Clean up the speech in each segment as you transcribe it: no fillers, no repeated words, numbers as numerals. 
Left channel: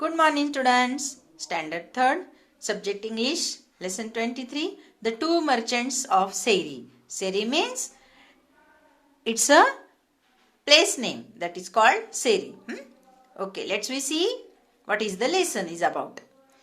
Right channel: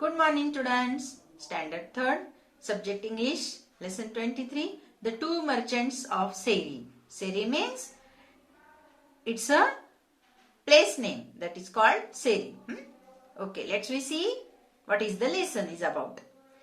Good morning, students. Standard 3rd, subject English, lesson 23, the two merchants of Seri. Seri means it's a place name that is called Seri. Okay, let's we see what is the lesson is about.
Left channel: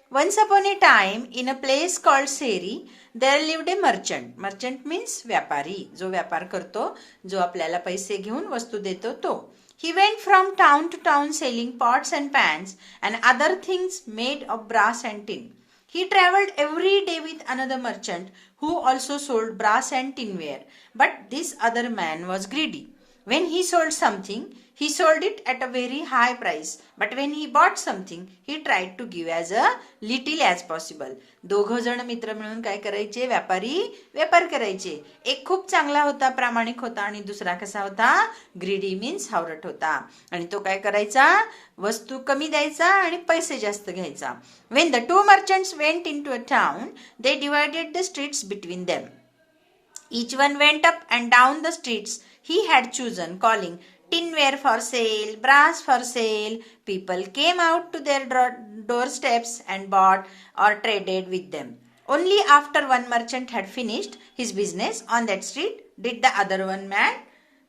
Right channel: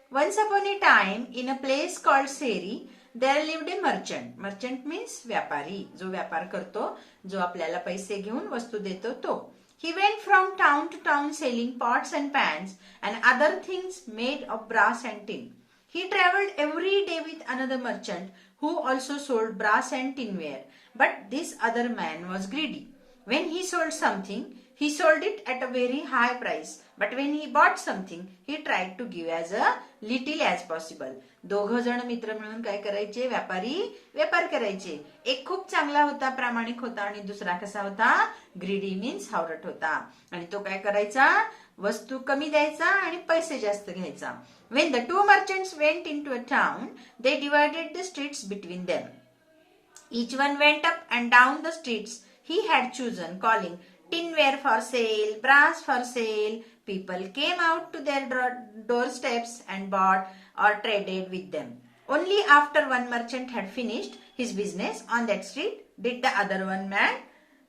Once upon a time, in a place called Seri, there lived a merchant. Merchant means व्यापारी, जो व्यापार करतो, जो आपल्याला पैसे घेऊन वस्तू देतो तो. He went from town to town selling pots and pans and other things made of brass and tin. He traveled every day with another merchant who also sold brass and tinware. But this other man was greedy. When he sold something, he sold it at a very high price. But when he bought something, he tried to give as a little as possible. दोघं जण मित्र मिळून काय करायचे? व्यापार करायचे. एक खूप चांगला होता, प्रामाणिक होता आणि दुसरा कसा होता? ग्रीडी मीन्स हावरट होता. आणि तो काय करायचा? वस्तू कमी द्यायचा आणि पैसे जास्त घ्यायचा. When the two merchants went into a town, they divided the streets between them. Each one went up and down the streets he had chosen, calling tinware for sale, brass for sale. People came out to their doorsteps and bought or traded with them. Only after one merchant had finished his business on that street did the other one man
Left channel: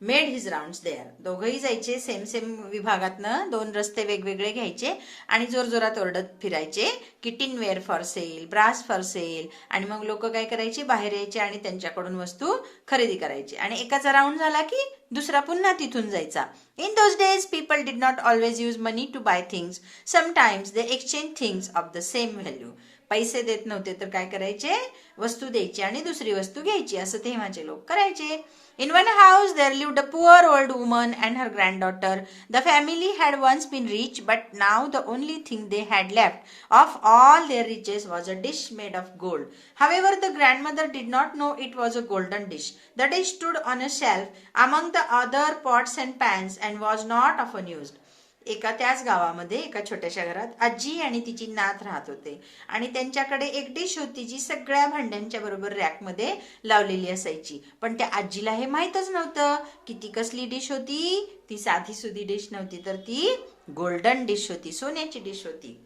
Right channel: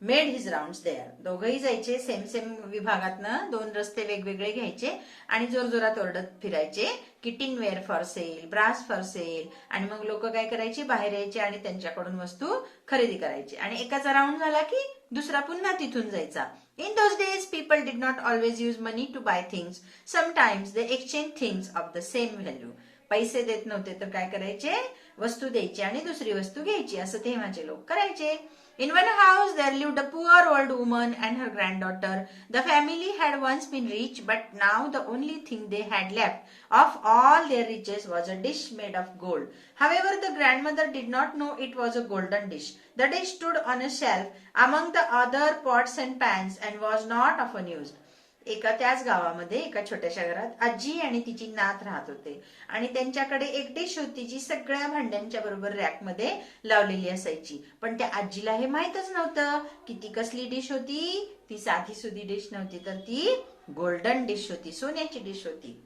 made his rounds there. दोघंही जायचे same विभागातनं, दोन रस्ते वेगवेगळे घ्यायचे आणि जोरजोरात ओरडत फिरायचे की tinware for sale, brass for sale. आणि मग लोक काय करायचे? बाहेर यायचे आणि त्यांच्याकडून वस्तू खरेदी करायचे. आणि एकाचा राऊंड झाला की दुसरा पुन्हा तिथून जायचा. In those days, people did not always use money to buy things. Sometimes they exchanged things of the same value. पैसे देत नव्हते तर काय करायचे? वस्तू द्यायची आणि दुसरी वस्तू घ्यायची. असं तेव्हाचे लोक करायचे. In one house there lived a poor old woman and her granddaughter. The family had once been rich, but now the only thing they had left of all their riches was a dish made of gold. However, the grandmother did not know it was a golden dish. The dish stood on a shelf among the other pots and pans and was not often used. एका त्याच गावामध्ये एका छोट्याशा घरात आजी आणि तिची नात राहत होते आणि त्यांच्याकडे एक डिश होती जी सगळ्या भांड्यांच्या बरोबर रॅकमध्ये लावलेली असायची. पण त्या आजीला हे माहीतच नव्हतं की ती कसली डिश होती. ती साधी सुधी डिश नव्हती तर ती गोल्डन डिश होती, सोन्याची डिश होती.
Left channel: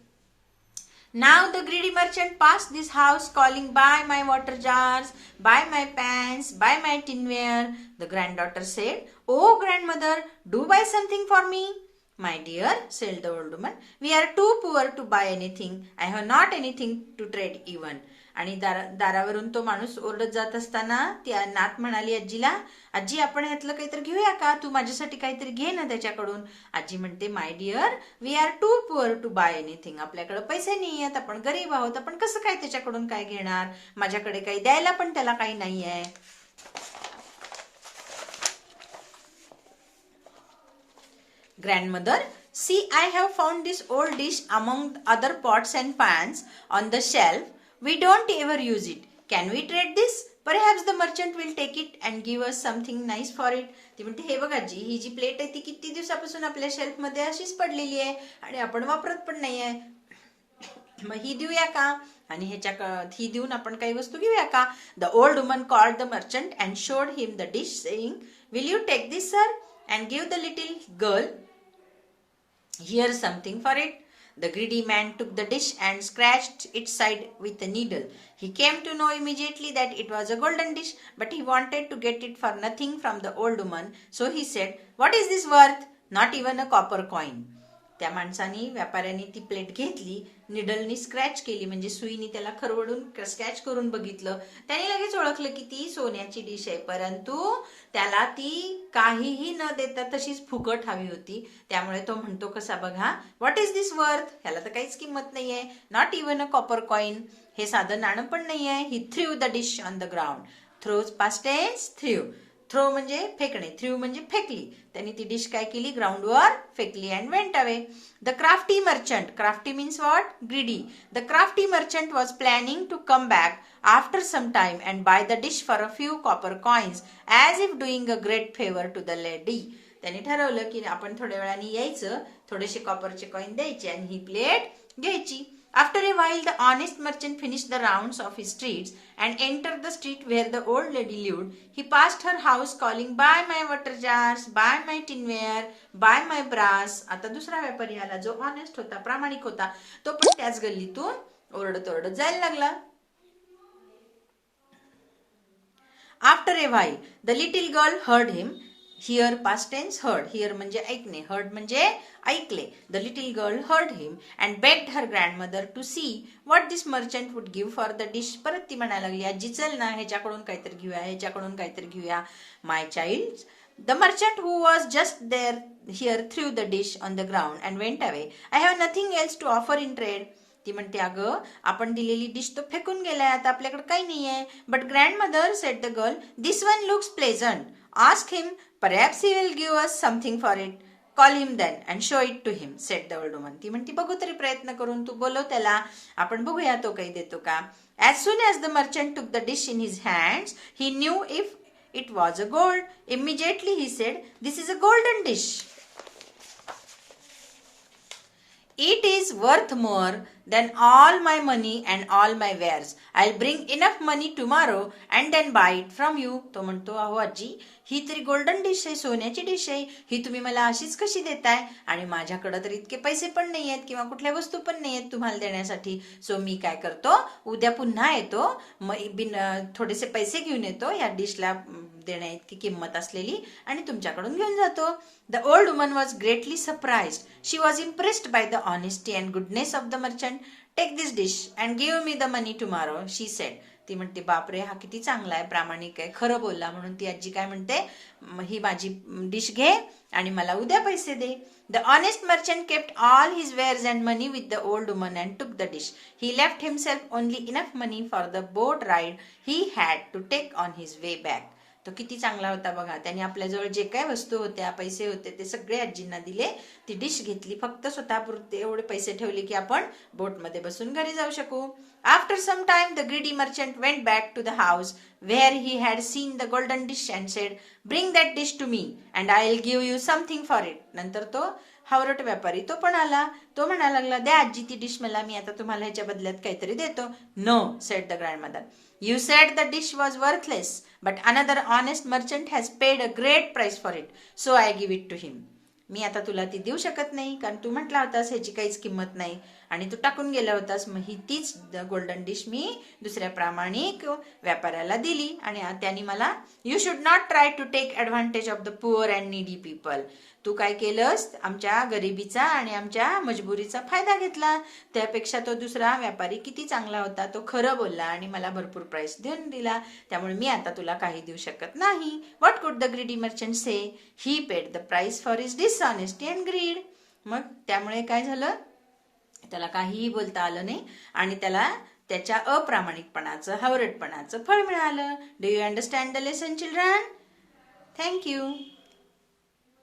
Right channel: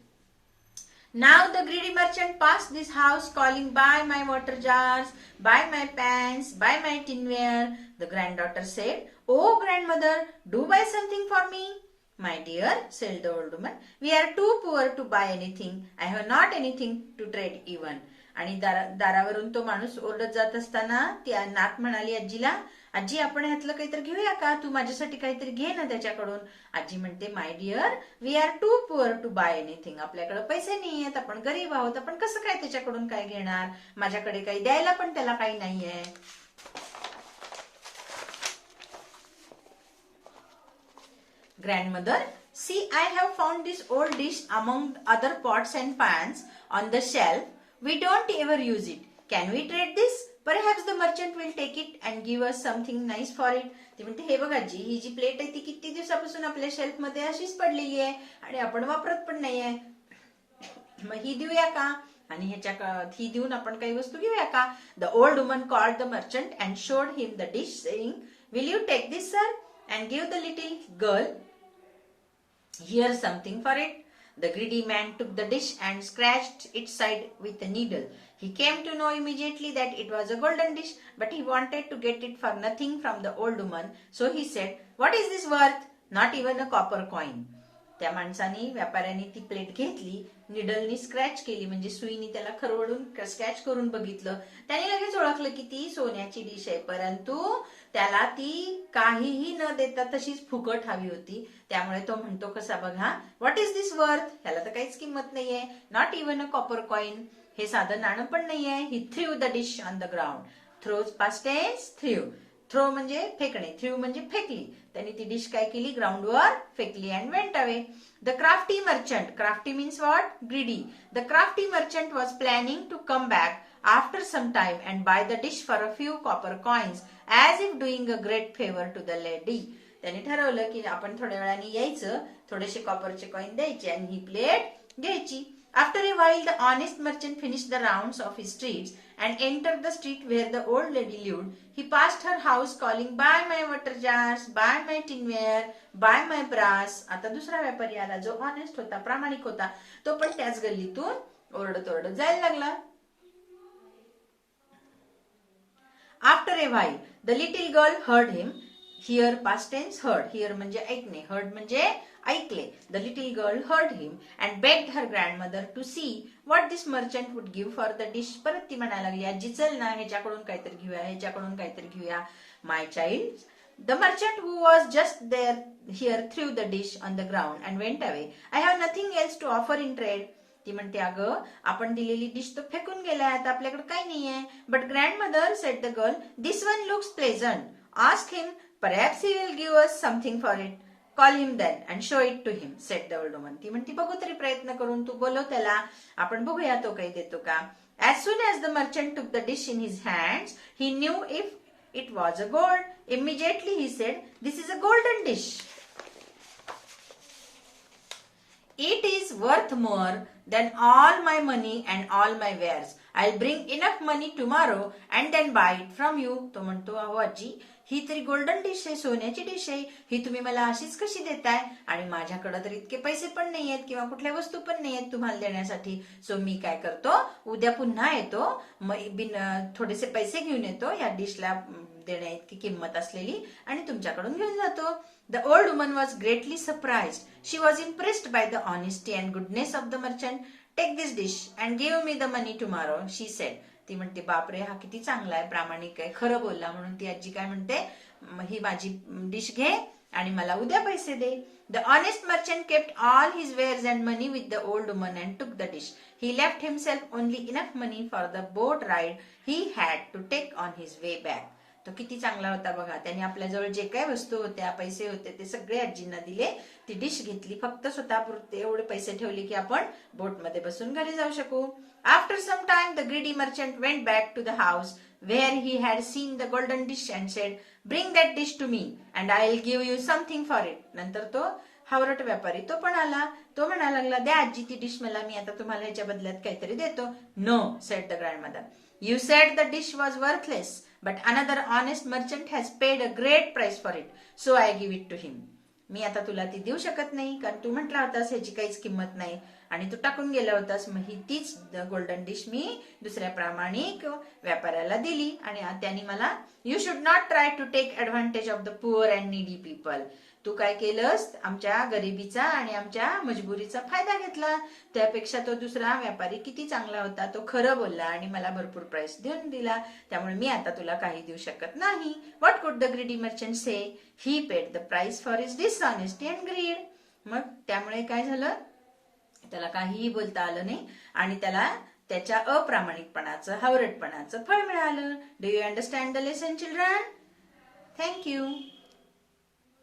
Now the greedy merchant passed this house calling, buy my water jars, buy my pans, buy my tinware. The granddaughter said, oh grandmother, do buy something for me. My dear, said the old woman, we are too poor to buy anything. I have not anything to trade even. आणि दारावरून तो माणूस ओरडत जात असताना ती नात म्हणाली आजीला, आजी आपण ह्यातलं काहीतरी घेऊया का? तू माझ्यासाठी काहीतरी घे ना त्याच्याकडून. आजी म्हणते, my dear, we are too poor to buy anything. आपल्याकडे पैसे नाही आहेत, आपण गरीब आहोत, आपण कसं काय त्याच्याकडून काय घेणार? माझ्याकडे काही द्यायला पण त्याला काही नाहीये. Grandmother, see, I have found this old dish among other pots and pans on the shelf. We don't ever use it. Can we trade this? Perhaps the merchant will take it and give us something nice for it. ती म्हणते, हे बघ आजी, ही जी plate आहे ती किती दिवसापासून आपल्या शेल्फ मध्ये अशीच पडलेली आहे आणि आपण वापरत पण नाहीये. मग ही देऊया का? आणि ही देऊन आपण काही वस्तू घेऊया का? The old woman called the merchant and showed him the dish, saying, will you take this, sir, and give the little girl here something for it? The greedy man took the dish and scratched its side with a needle. He came to know immediately that it was a golden dish, but he wanted to get it for nothing from the old woman. So he said, what is this worth? Not even a copper coin. त्या माणसाने, व्यापाऱ्याने ती plate घेतली, निडलनी scratch केली म्हणजे सुईने त्याला खरवडून scratch करून बघितलं. त्याने लगेच ओळखलं की ती सोन्याची डिश आहे, परंतु त्याला ती काहीही न देता तशीच फुकट हवी होती. त्यामुळे तो म्हणतो कसा बघा, व्हॉट इज दिस वर्थ? ह्याला तर काहीच किंमत नाहीये. Not even a copper coin. हे साधं नाणं पण नाहीये. He threw the dish on the ground. Throws past tense threw. Throw म्हणजे फेकणे, थ्रू म्हणजे फेकली. त्यांनी ती डिश काय केली? ग्राउंडवर फेकली and went away. The crafty merchant. Crafty means what? Greedy. The crafty merchant was planning to come back after some time and buy the dish for a few copper coins as if doing a great favour to the lady. त्यांनी ठरवलं की आपण थोड्या वेळाने यायचं, थोडेसे कॉपरचे coin द्यायचे आणि ही प्लेट घ्यायची. After a while, the honest merchant finished the rounds of his streets and entered the street where the old lady lived. He passed her house calling, "Buy my water jars, buy my tinware, buy my brass." आता दुसरा व्यापारी आला जो honest होता, प्रामाणिक होता. तो पण त्याच गल्लीतून ओरडत ओरडत जायला लागला. After a while, the little girl heard him. Here past tense heard. Here म्हणजे ऐकणे, heard म्हणजे ऐकले. The little girl heard him and begged her grandmother to see what this merchant would give for the dish. परत ती म्हणायला लागली, आजी चल ना ह्याच्याकडून काहीतरी घेऊया, ह्याच्याकडून काहीतरी घेऊया. My child. The merchant who was just there here threw the dish on the ground and went away. I have nothing else to offer in trade. ती म्हणते, अगं आपण दिलेली डिश तो फेकून गेलाय, आता आपल्याकडे काही नाहीये. But grandmother said the girl, this one looks pleasant. Ask him, perhaps he will give us something for it. Call him then and show it to him, said the old woman. ती म्हणते, बघू तरी प्रयत्न करून, तू बोलव त्याला, आपण बघूया तो काही देतो का. As soon as the merchant took the dish in his hands, he knew if it was a gold. Immediately he said, this is a golden dish. It is worth more than all my money and all my wares. I'll bring enough money tomorrow and then buy it from you. तो म्हणतो, अहो आजी, ही तरी golden dish आहे, सोन्याची dish आहे, ही तुम्ही मला अशीच कशी देताय, आणि माझ्याकडे तर इतके पैसे पण नाही आहेत किंवा कुठल्या वस्तू पण नाही आहेत तुम्हाला देण्यासाठी. सो मी काय करतो, उद्या पुन्हा येतो, थोडेसे पैसे घेऊन येतो, या डिशला देण्या इतकी किंमत असलेली, आणि तुमच्याकडून घेऊन जातो. The old woman was greatly surprised. She was impressed by the honesty and goodness of the merchant. Take this dish and give me the money tomorrow, she said. ती म्हणते, बापरे, हा किती चांगला आहे, प्रामाणिक आहे, खरं बोलला. म्हणून ती आजी काय म्हणते, ही माझी डिश घे आणि मला उद्या पैसे दे. The honest merchant kept all his wares and money with the old woman and took the dish. He left himself only enough money for the boat ride he had to take on his way back. तो किती चांगला होता बघा. त्याने आपल्याजवळ जे काही वस्तू होत्या, पैसे होते, ते सगळे आजींना दिले. ती डिश घेतली, फक्त स्वतःपुरते एवढे पैसे ठेवले की आपण बोटमध्ये बसून घरी जाऊ शकू. After some time the greedy merchant went back to the house where he had seen the golden dish and said, bring that dish to me and I will give you something for it. नंतर तो हावरट व्यापारी तो पण आला. तो म्हणायला लागला, द्या आजी ती डिश मला, मी आता तुम्हाला ह्याच्या बदल्यात काहीतरी देतो. No, said the grandmother, you said the dish was worthless, but another honest merchant has paid a great price for it, so I give it to him. मी आता तुला ती देऊ शकत नाही, कारण तू म्हटला होतास ह्याची काहीच किंमत नाही आणि तू टाकून गेला होतास. मग ही तीच गोल्डन डिश मी दुसऱ्या प्रामाणिक व्यापाऱ्याला दिली, आणि त्यांनी मला, you should not try to take advantage of the poor and needy people. तू काय केलंस, आमच्या गरिबीचा आणि आमच्या मजबुरीचा फायदा घेतला. त्यापेक्षा तो दुसरा व्यापारी किती चांगला होता, तो खरं बोलला आणि मला भरपूर प्राइस देऊन दिला. त्यामुळे मी आता तुला काही देऊ शकत नाही. What could the greedy merchant say? He paid the price for his dishonesty and greed. मग त्यामुळे काय झालं, त्याला काहीही बोलता आलं नाही आणि त्याला त्याच्या अप्रामाणिकपणाचं, हावरटपणाचं फळ मिळालं. Do you understand the lesson children? Thank you.